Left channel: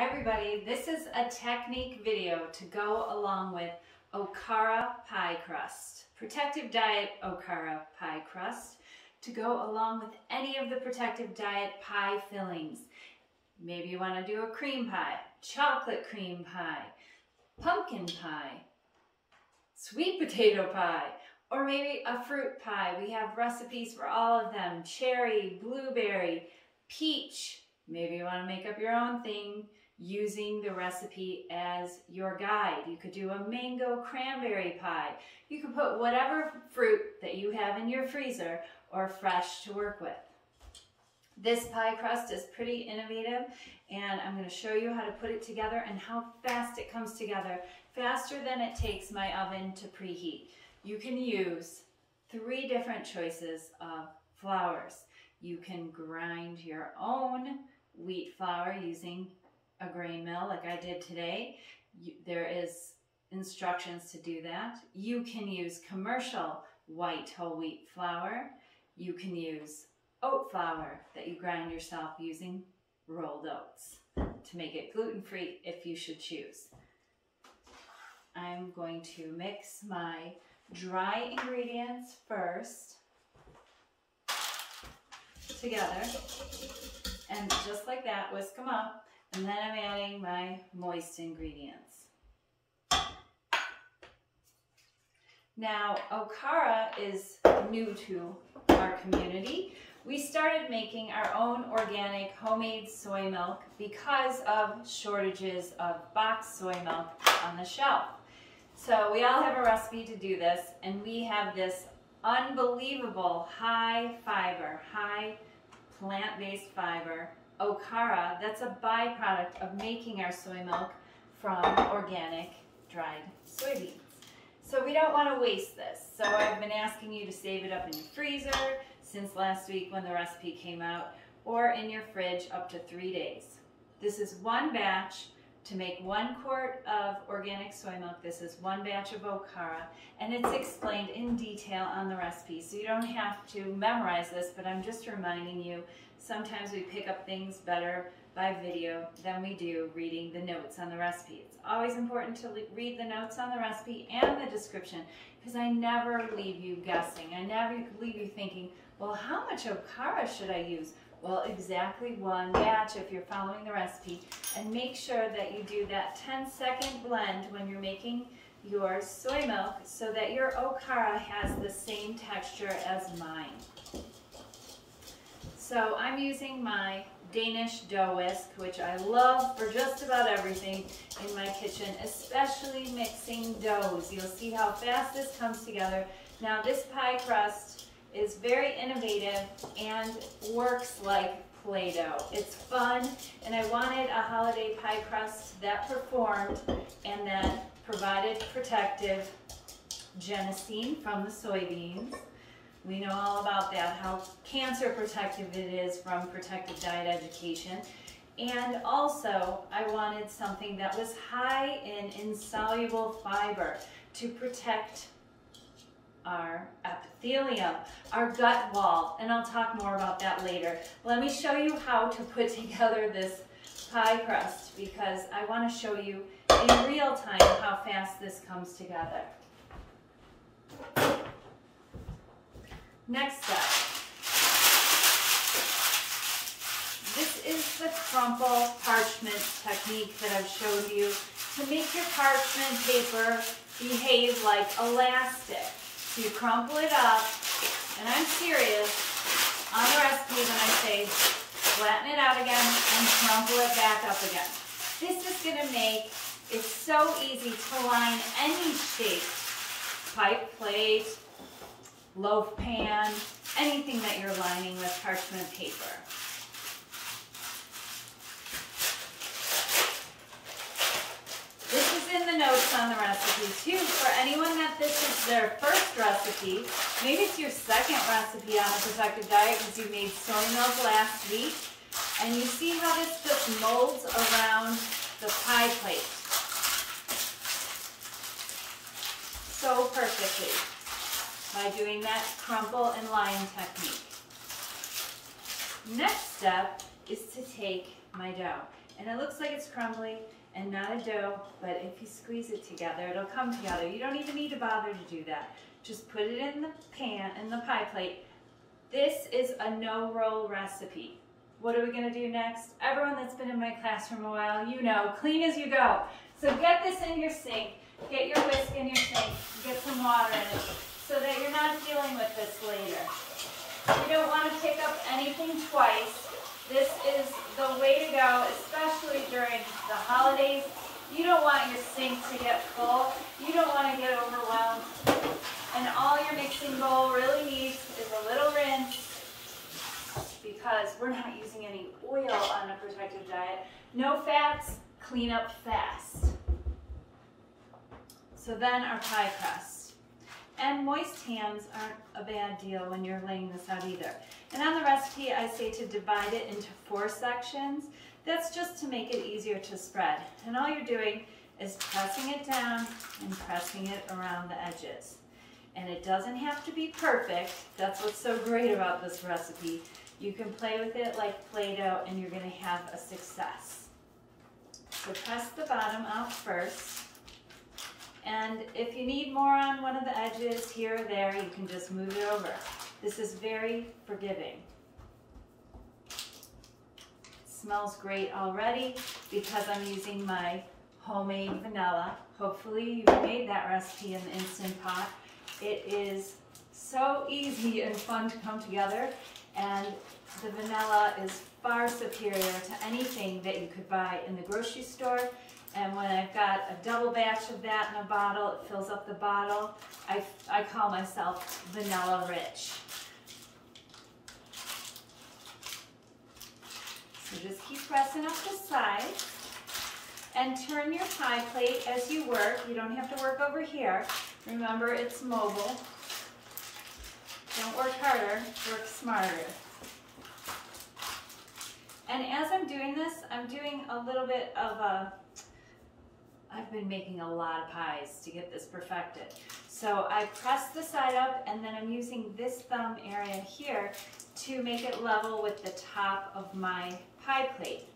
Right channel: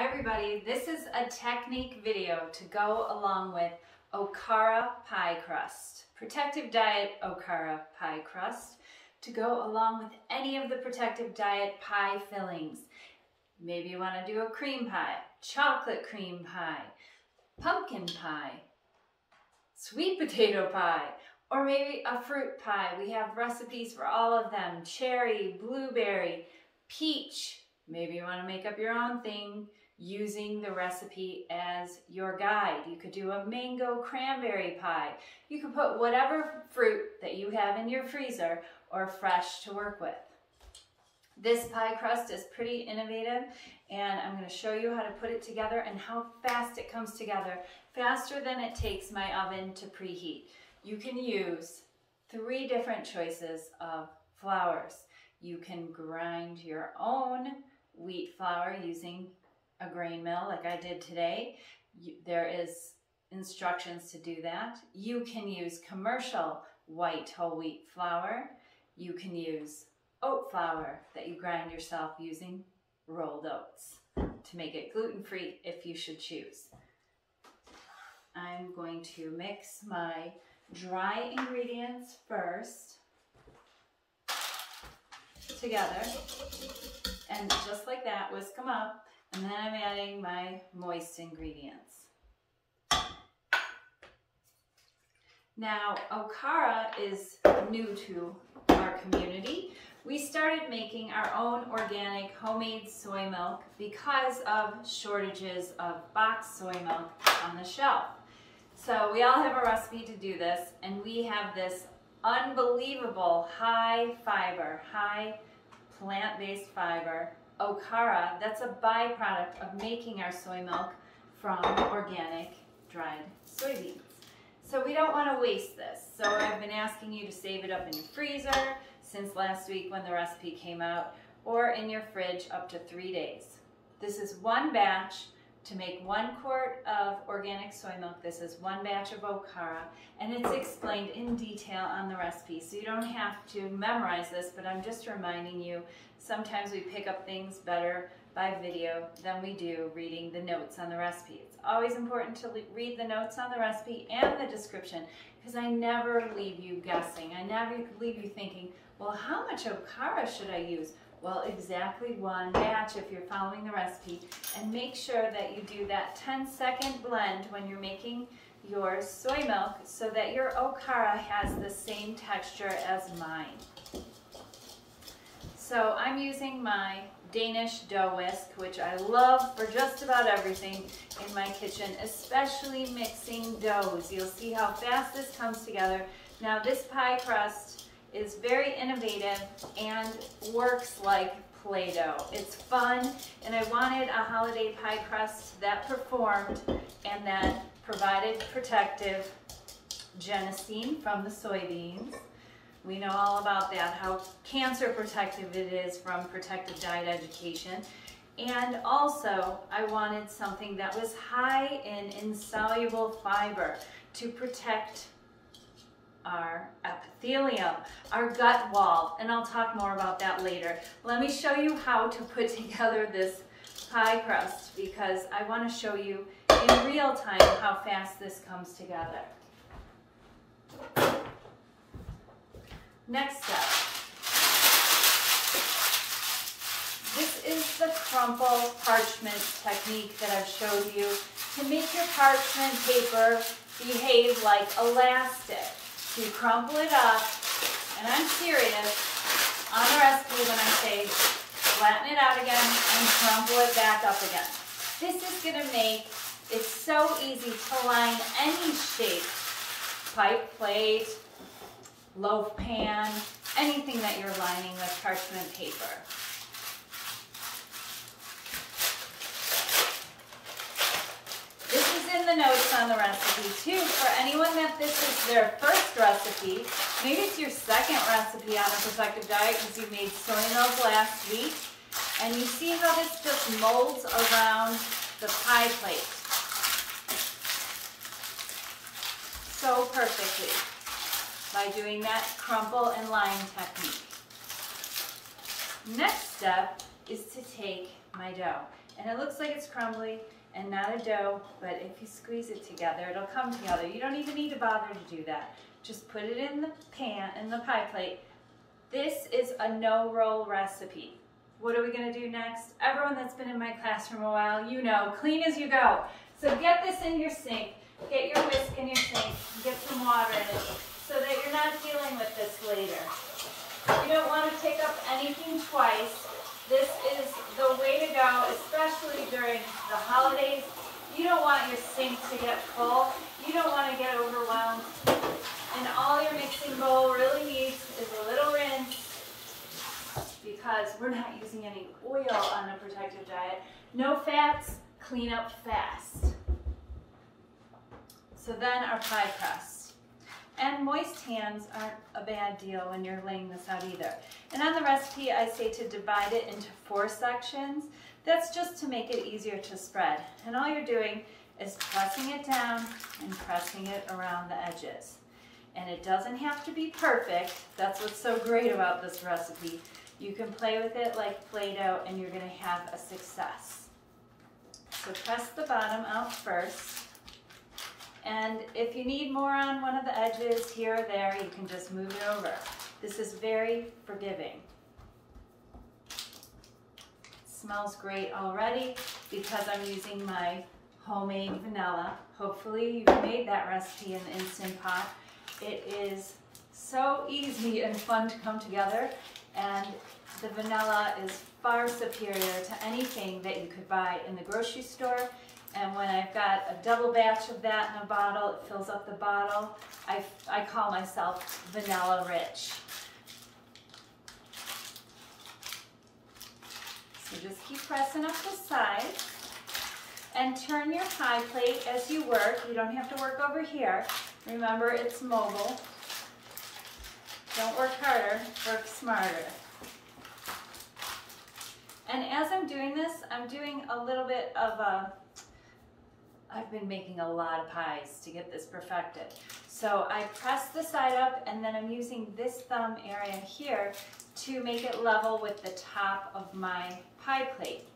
Hi everybody, this is a technique video to go along with Okara pie crust. Protective diet Okara pie crust to go along with any of the protective diet pie fillings. Maybe you want to do a cream pie, chocolate cream pie, pumpkin pie, sweet potato pie, or maybe a fruit pie. We have recipes for all of them: cherry, blueberry, peach. Maybe you want to make up your own thing using the recipe as your guide. You could do a mango cranberry pie. You could put whatever fruit that you have in your freezer or fresh to work with. This pie crust is pretty innovative, and I'm going to show you how to put it together and how fast it comes together, faster than it takes my oven to preheat. You can use 3 different choices of flours. You can grind your own wheat flour using a grain mill like I did today. There is instructions to do that. You can use commercial white whole wheat flour. You can use oat flour that you grind yourself using rolled oats to make it gluten-free if you should choose. I'm going to mix my dry ingredients first together, and just like that, whisk them up, and then I'm adding my moist ingredients. Now, Okara is new to our community. We started making our own organic homemade soy milk because of shortages of boxed soy milk on the shelf. So we all have a recipe to do this, and we have this unbelievable high fiber, high plant-based fiber, Okara, that's a byproduct of making our soy milk from organic dried soybeans. So we don't want to waste this. So I've been asking you to save it up in your freezer since last week when the recipe came out, or in your fridge up to 3 days. This is one batch to make 1 quart of organic soy milk. This is 1 batch of Okara, and it's explained in detail on the recipe. So you don't have to memorize this, but I'm just reminding you, sometimes we pick up things better by video than we do reading the notes on the recipe. It's always important to read the notes on the recipe and the description, because I never leave you guessing. I never leave you thinking, well, how much Okara should I use? Well, exactly 1 batch if you're following the recipe. And make sure that you do that 10-second blend when you're making your soy milk so that your Okara has the same texture as mine. So I'm using my Danish dough whisk, which I love for just about everything in my kitchen, especially mixing doughs. You'll see how fast this comes together. Now, this pie crust is very innovative and works like Play-Doh. It's fun, and I wanted a holiday pie crust that performed and that provided protective genistein from the soybeans. We know all about that, how cancer protective it is from Protective Diet Education. And also, I wanted something that was high in insoluble fiber to protect our epithelium, our gut wall, and I'll talk more about that later. Let me show you how to put together this pie crust, because I want to show you in real time how fast this comes together. Next step. This is the crumple parchment technique that I've showed you to make your parchment paper behave like elastic. So you crumple it up, and I'm serious on the recipe when I say flatten it out again and crumple it back up again. This is going to make it so easy to line any shape, pipe plate, loaf pan, anything that you're lining with parchment paper. This is in the notes on the recipe too. For anyone that this is their first recipe, maybe it's your second recipe on a protective diet because you made soy milk last week, and you see how this just molds around the pie plate so perfectly by doing that crumple and line technique. Next step is to take my dough. and it looks like it's crumbly and not a dough, but if you squeeze it together, it'll come together. You don't even need to bother to do that. Just put it in the pan, in the pie plate. This is a no-roll recipe. What are we gonna do next? Everyone that's been in my classroom a while, you know, clean as you go. So get this in your sink, get your whisk in your sink, get some water in it, so that you're not dealing with this later. You don't wanna pick up anything twice. This is the way to go, especially during the holidays. You don't want your sink to get full. You don't wanna get overwhelmed. And all your mixing bowl really needs is a little rinse, because we're not using any oil on a protective diet. No fats, clean up fast. So then our pie crust. And moist hands aren't a bad deal when you're laying this out either. And on the recipe, I say to divide it into 4 sections. That's just to make it easier to spread. And all you're doing is pressing it down and pressing it around the edges. And it doesn't have to be perfect. That's what's so great about this recipe. You can play with it like Play-Doh and you're gonna have a success. So press the bottom out first. And if you need more on one of the edges here or there, you can just move it over. This is very forgiving. It smells great already because I'm using my homemade vanilla. Hopefully you've made that recipe in the Instant Pot. It is so easy and fun to come together, and the vanilla is far superior to anything that you could buy in the grocery store. And when I've got a double batch of that in a bottle, it fills up the bottle. I call myself vanilla rich. So just keep pressing up the sides and turn your pie plate as you work. You don't have to work over here. Remember, it's mobile. Don't work harder, work smarter. And as I'm doing this, I'm doing a little bit of I've been making a lot of pies to get this perfected. So I press the side up, and then I'm using this thumb area here to make it level with the top of my pie plate,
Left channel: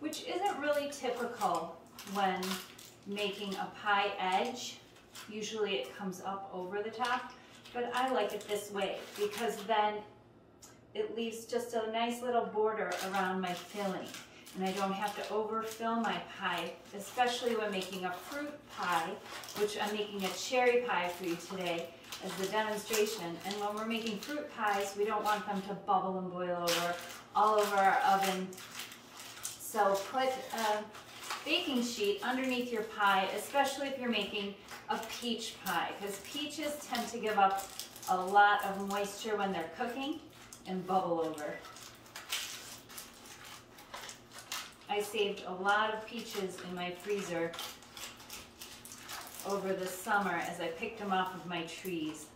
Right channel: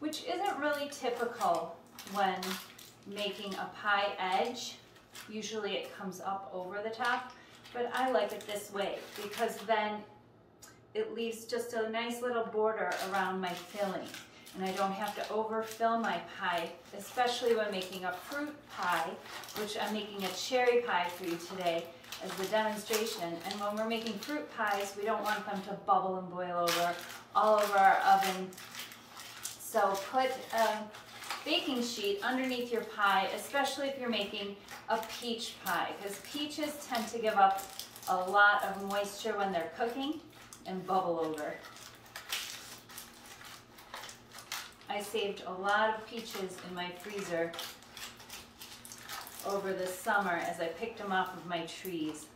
which isn't really typical when making a pie edge. Usually it comes up over the top, but I like it this way because then it leaves just a nice little border around my filling, and I don't have to overfill my pie, especially when making a fruit pie, which I'm making a cherry pie for you today as the demonstration. And when we're making fruit pies, we don't want them to bubble and boil over all over our oven. So put a baking sheet underneath your pie, especially if you're making a peach pie, because peaches tend to give up a lot of moisture when they're cooking and bubble over. I saved a lot of peaches in my freezer over the summer as I picked them off of my trees.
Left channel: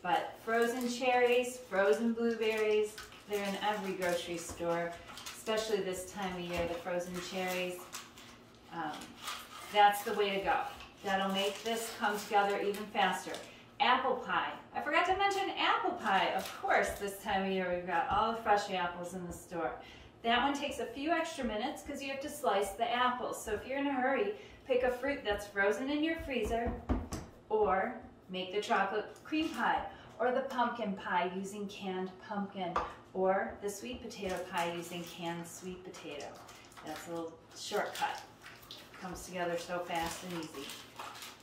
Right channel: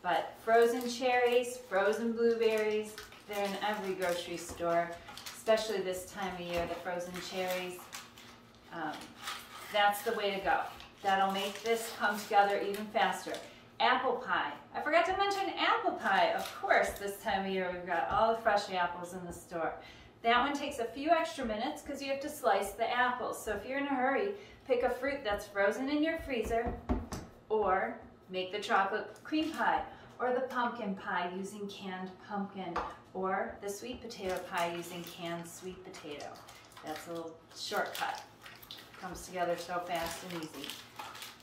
But frozen cherries, frozen blueberries, they're in every grocery store, especially this time of year, the frozen cherries. That's the way to go. That'll make this come together even faster. Apple pie. I forgot to mention apple pie. Of course, this time of year we've got all the fresh apples in the store. That one takes a few extra minutes because you have to slice the apples. So if you're in a hurry, pick a fruit that's frozen in your freezer, or make the chocolate cream pie, or the pumpkin pie using canned pumpkin, or the sweet potato pie using canned sweet potato. That's a little shortcut. Comes together so fast and easy.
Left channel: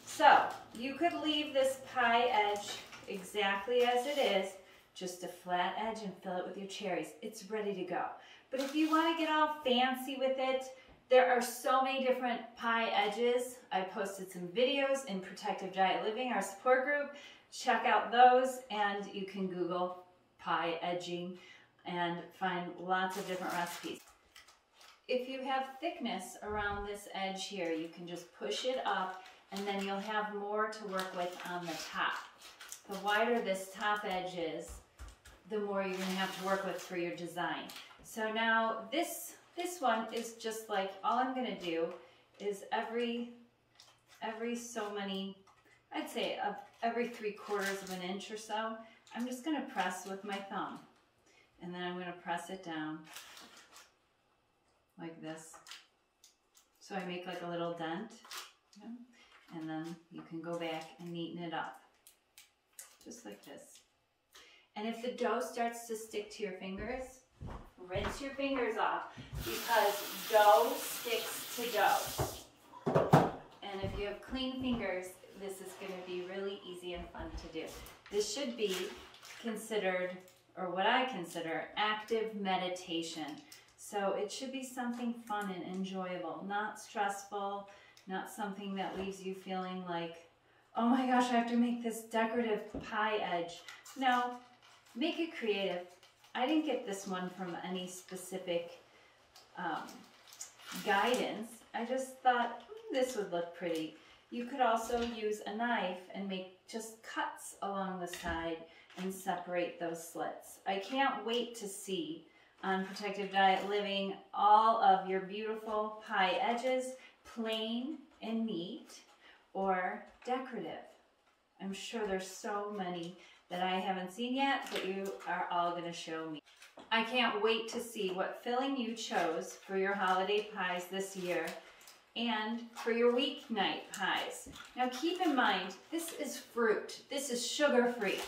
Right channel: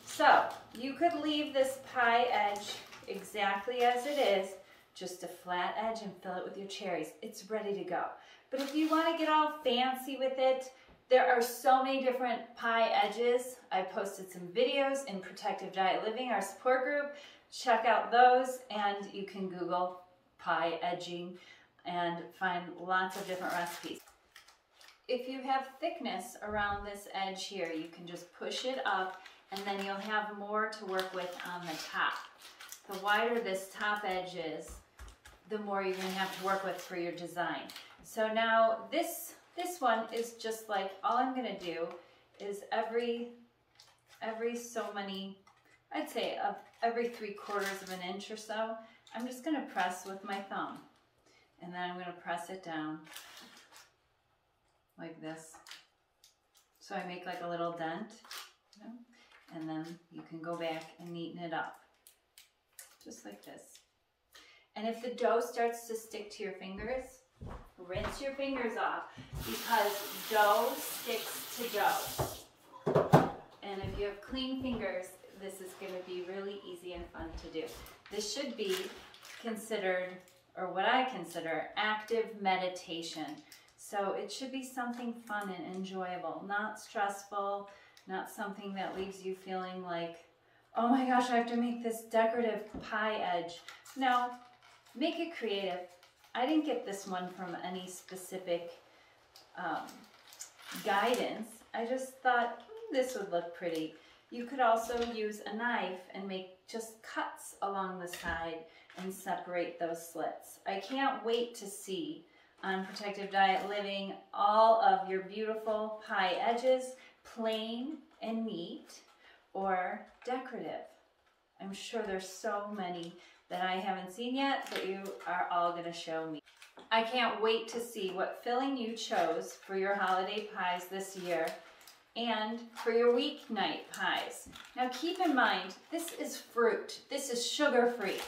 So you could leave this pie edge exactly as it is, just a flat edge, and fill it with your cherries. It's ready to go. But if you want to get all fancy with it, there are so many different pie edges. I posted some videos in Protective Diet Living, our support group. Check out those, and you can Google pie edging and find lots of different recipes. If you have thickness around this edge here, you can just push it up, and then you'll have more to work with on the top. The wider this top edge is, the more you're going to have to work with for your design. So now this one is just like, all I'm going to do is every so many, I'd say every 3/4 of an inch or so, I'm just going to press with my thumb. And then I'm going to press it down like this. So I make like a little dent, you know, and then you can go back and neaten it up, just like this. And if the dough starts to stick to your fingers, rinse your fingers off, because dough sticks to dough. And if you have clean fingers, this is going to be really easy and fun to do. This should be considered, or what I consider, active meditation. So it should be something fun and enjoyable, not stressful, not something that leaves you feeling like, oh my gosh, I have to make this decorative pie edge. No, make it creative. I didn't get this one from any specific guidance. I just thought this would look pretty. You could also use a knife and make just cuts along the side and separate those slits. I can't wait to see on Protective Diet Living all of your beautiful pie edges, plain and neat or decorative. I'm sure there's so many that I haven't seen yet that you are all going to show me. I can't wait to see what filling you chose for your holiday pies this year and for your weeknight pies. Now keep in mind, this is fruit. This is sugar-free.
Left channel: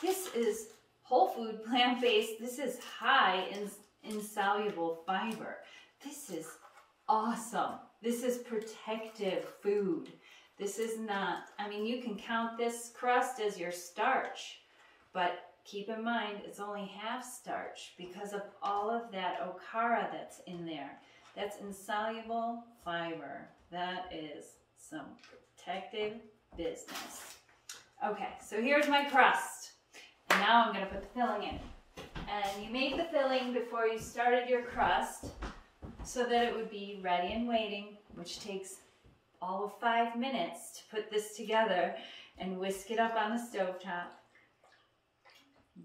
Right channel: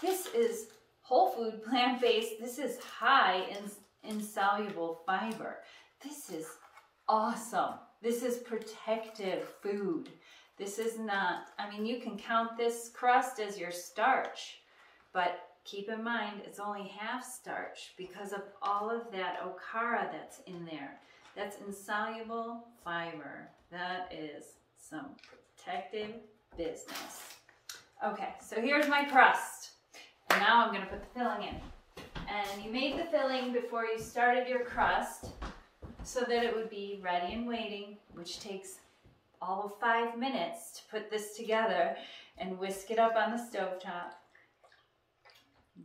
This is whole food, plant-based. This is high in insoluble fiber. This is awesome. This is protective food. This is not, I mean, you can count this crust as your starch, but keep in mind it's only half starch because of all of that Okara that's in there. That's insoluble fiber. That is some protective business. Okay, so here's my crust. And now I'm going to put the filling in. And you made the filling before you started your crust so that it would be ready and waiting, which takes all of 5 minutes to put this together and whisk it up on the stovetop.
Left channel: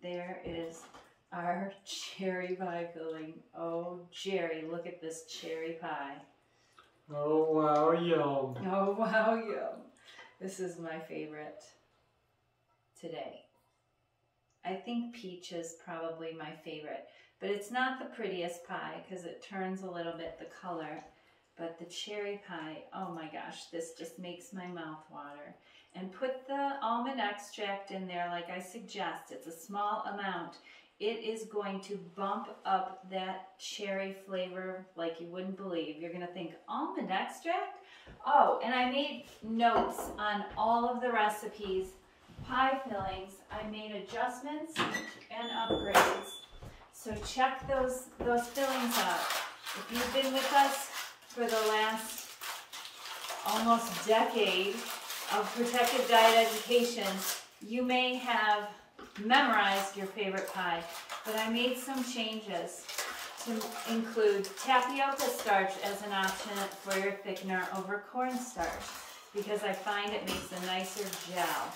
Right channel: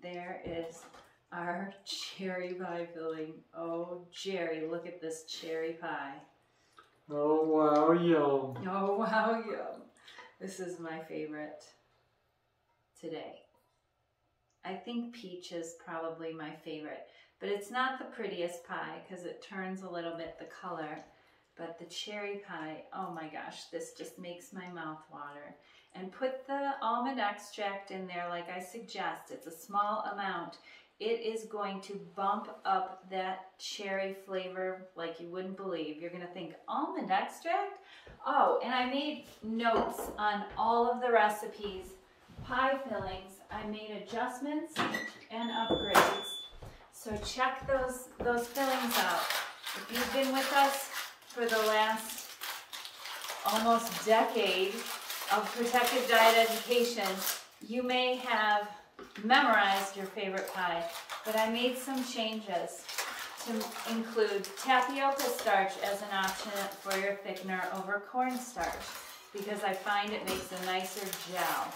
There is our cherry pie filling. Oh, Jerry, look at this cherry pie. Oh, wow, yum. Oh, wow, yum. This is my favorite today. I think peach is probably my favorite, but it's not the prettiest pie because it turns a little bit the color. But the cherry pie, oh my gosh, this just makes my mouth water. And put the almond extract in there like I suggest. It's a small amount. It is going to bump up that cherry flavor like you wouldn't believe. You're gonna think, almond extract? Oh, and I made notes on all of the recipes, pie fillings. I made adjustments and upgrades. So check those fillings out. If you've been with us for the last almost decade of Protective Diet education, you may have memorized your favorite pie, but I made some changes to include tapioca starch as an option for your thickener over cornstarch because I find it makes a nicer gel.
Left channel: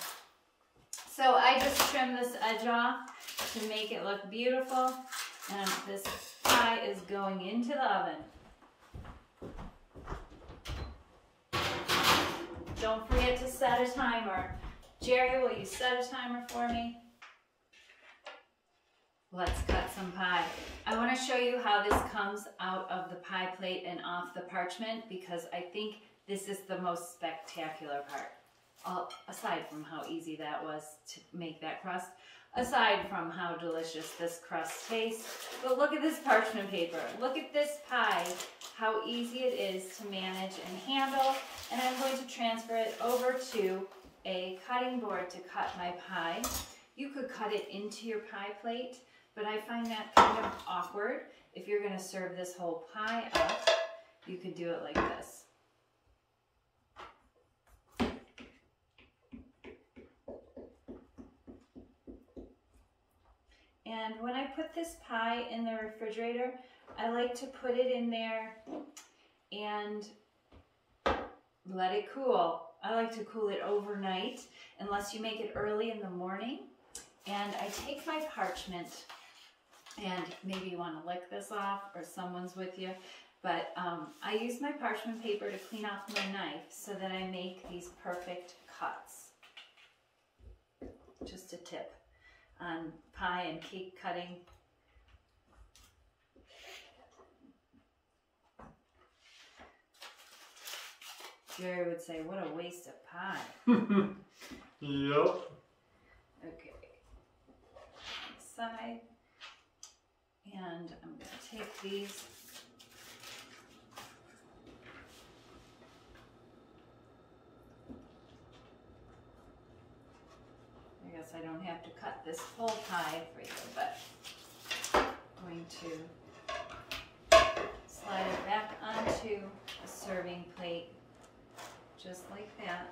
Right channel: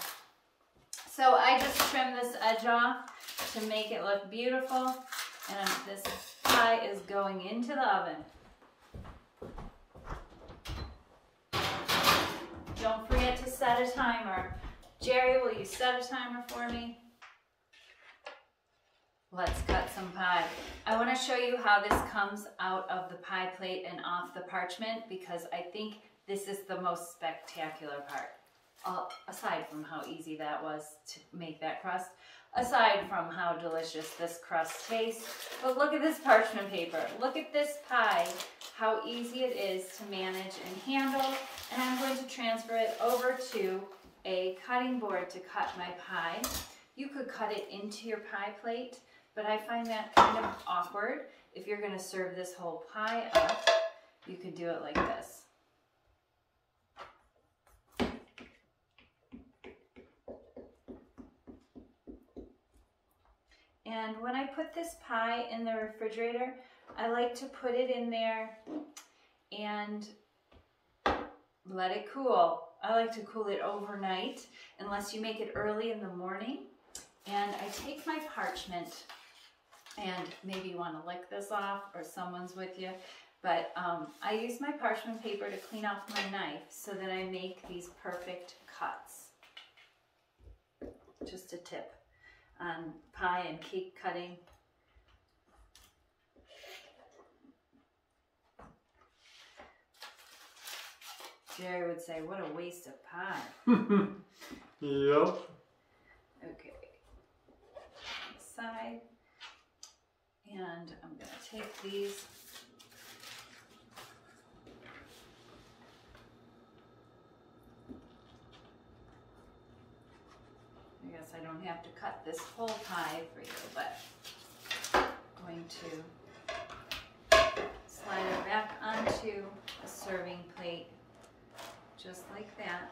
So I just trimmed this edge off to make it look beautiful, and this pie is going into the oven. Don't forget to set a timer. Jerry, will you set a timer for me? Let's cut some pie. I want to show you how this comes out of the pie plate and off the parchment because I think this is the most spectacular part. Aside from how easy that was to make that crust, aside from how delicious this crust tastes, but look at this parchment paper. Look at this pie, how easy it is to manage and handle. And I'm going to transfer it over to a cutting board to cut my pie. You could cut it into your pie plate, but I find that kind of awkward. If you're going to serve this whole pie up, you could do it like this. And when I put this pie in the refrigerator, I like to put it in there and let it cool. I like to cool it overnight unless you make it early in the morning. And I take my parchment, and maybe you want to lick this off or someone's with you, but I use my parchment paper to clean off my knife so that I make these perfect cuts. Just a tip on pie and cake cutting. Jerry would say, what a waste of pie. Yep. Okay. Side. And I'm going to take these. I guess I don't have to cut this whole pie for you, but I'm going to slide it back onto a serving plate, just like that.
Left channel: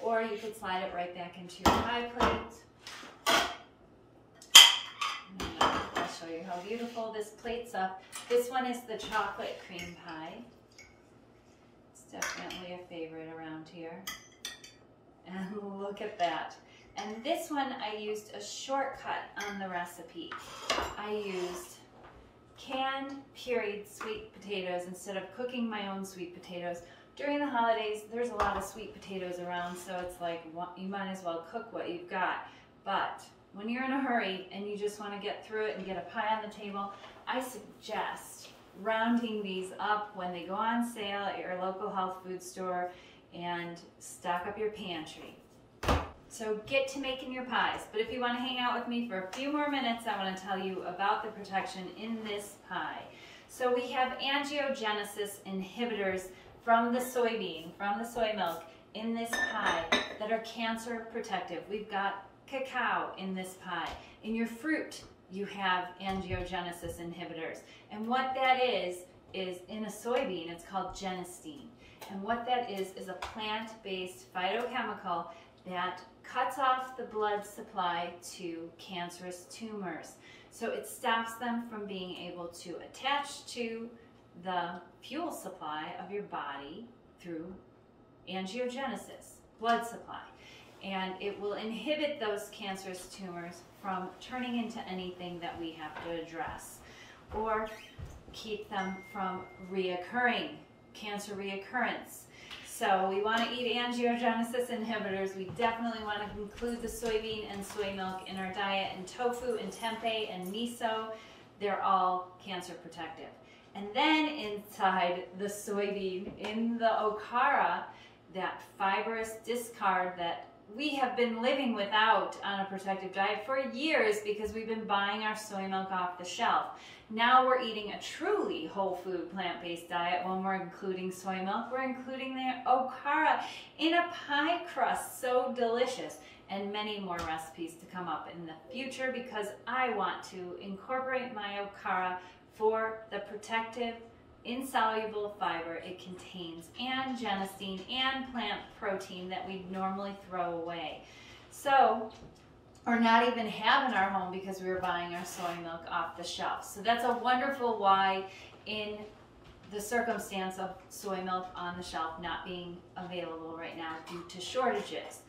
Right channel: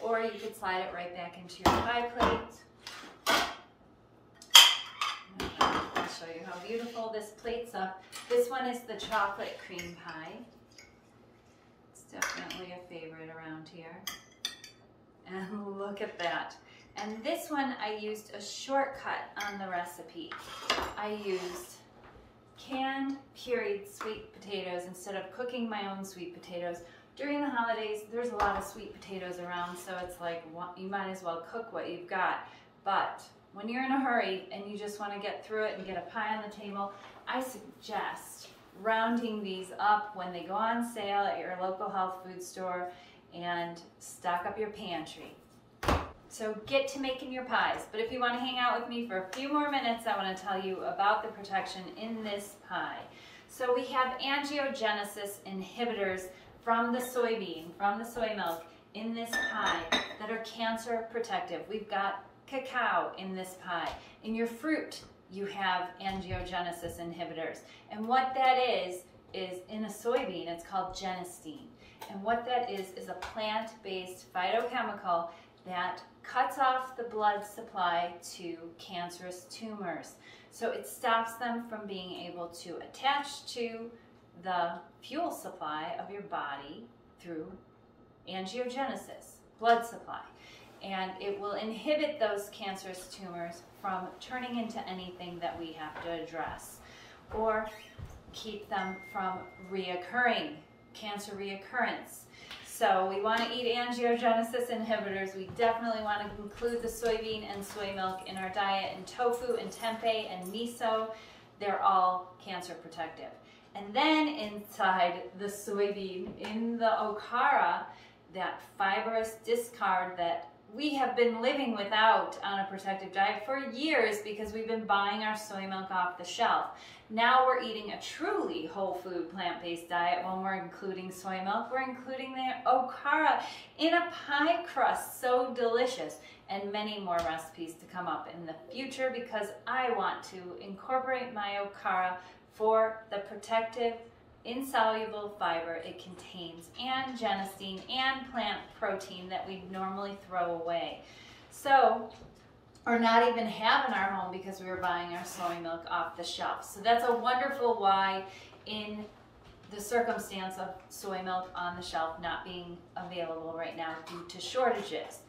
Or you could slide it right back into your pie plate. And I'll show you how beautiful this plate's up. This one is the chocolate cream pie. It's definitely a favorite around here. And look at that. And this one, I used a shortcut on the recipe. I used canned pureed sweet potatoes instead of cooking my own sweet potatoes. During the holidays, there's a lot of sweet potatoes around, so it's like you might as well cook what you've got. But when you're in a hurry and you just want to get through it and get a pie on the table, I suggest rounding these up when they go on sale at your local health food store and stock up your pantry. So get to making your pies. But if you want to hang out with me for a few more minutes, I want to tell you about the protection in this pie. So we have angiogenesis inhibitors from the soybean, from the soy milk in this pie that are cancer protective. We've got cacao in this pie. In your fruit, you have angiogenesis inhibitors. And what that is in a soybean, it's called genistein. And what that is a plant-based phytochemical that cuts off the blood supply to cancerous tumors. So it stops them from being able to attach to the fuel supply of your body through angiogenesis, blood supply. And it will inhibit those cancerous tumors from turning into anything that we have to address, or keep them from reoccurring, cancer reoccurrence. So we want to eat angiogenesis inhibitors. We definitely want to include the soybean and soy milk in our diet, and tofu and tempeh and miso. They're all cancer protective. And then inside the soybean, in the Okara, that fibrous discard that we have been living without on a protective diet for years because we've been buying our soy milk off the shelf. Now we're eating a truly whole food plant-based diet. When we're including soy milk, we're including the Okara in a pie crust. So delicious. And many more recipes to come up in the future because I want to incorporate my Okara for the protective insoluble fiber it contains, and genistein and plant protein that we normally throw away. So, or not even have in our home because we were buying our soy milk off the shelf. So that's a wonderful why in the circumstance of soy milk on the shelf not being available right now due to shortages.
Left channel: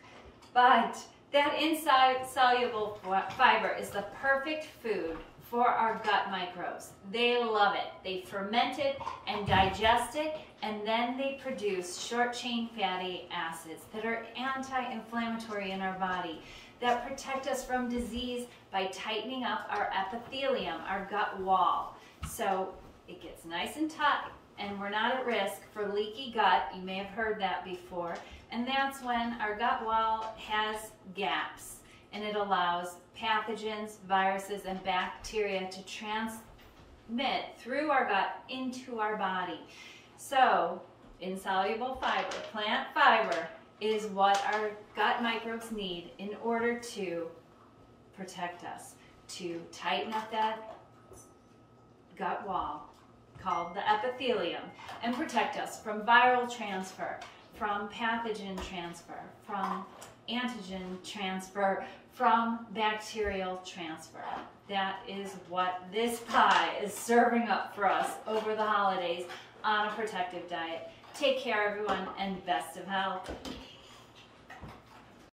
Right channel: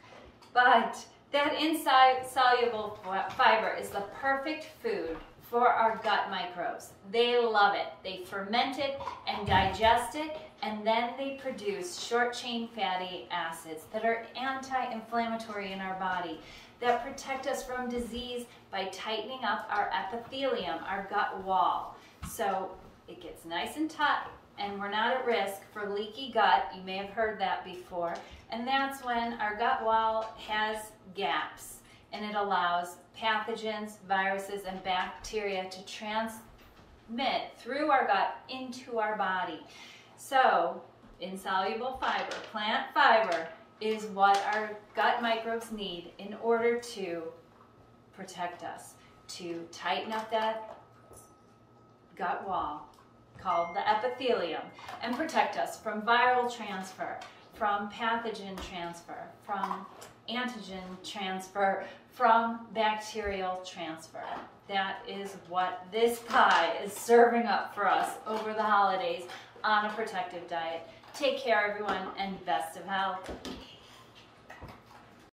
But that insoluble fiber is the perfect food for our gut microbes. They love it. They ferment it and digest it, and then they produce short-chain fatty acids that are anti-inflammatory in our body, that protect us from disease by tightening up our epithelium, our gut wall. So it gets nice and tight, and we're not at risk for leaky gut. You may have heard that before. And that's when our gut wall has gaps, and it allows pathogens, viruses, and bacteria to transmit through our gut into our body. So, insoluble fiber, plant fiber, is what our gut microbes need in order to protect us, to tighten up that gut wall called the epithelium, and protect us from viral transfer, from pathogen transfer, from antigen transfer, from bacterial transfer. That is what this pie is serving up for us over the holidays on a protective diet. Take care, everyone, and best of health.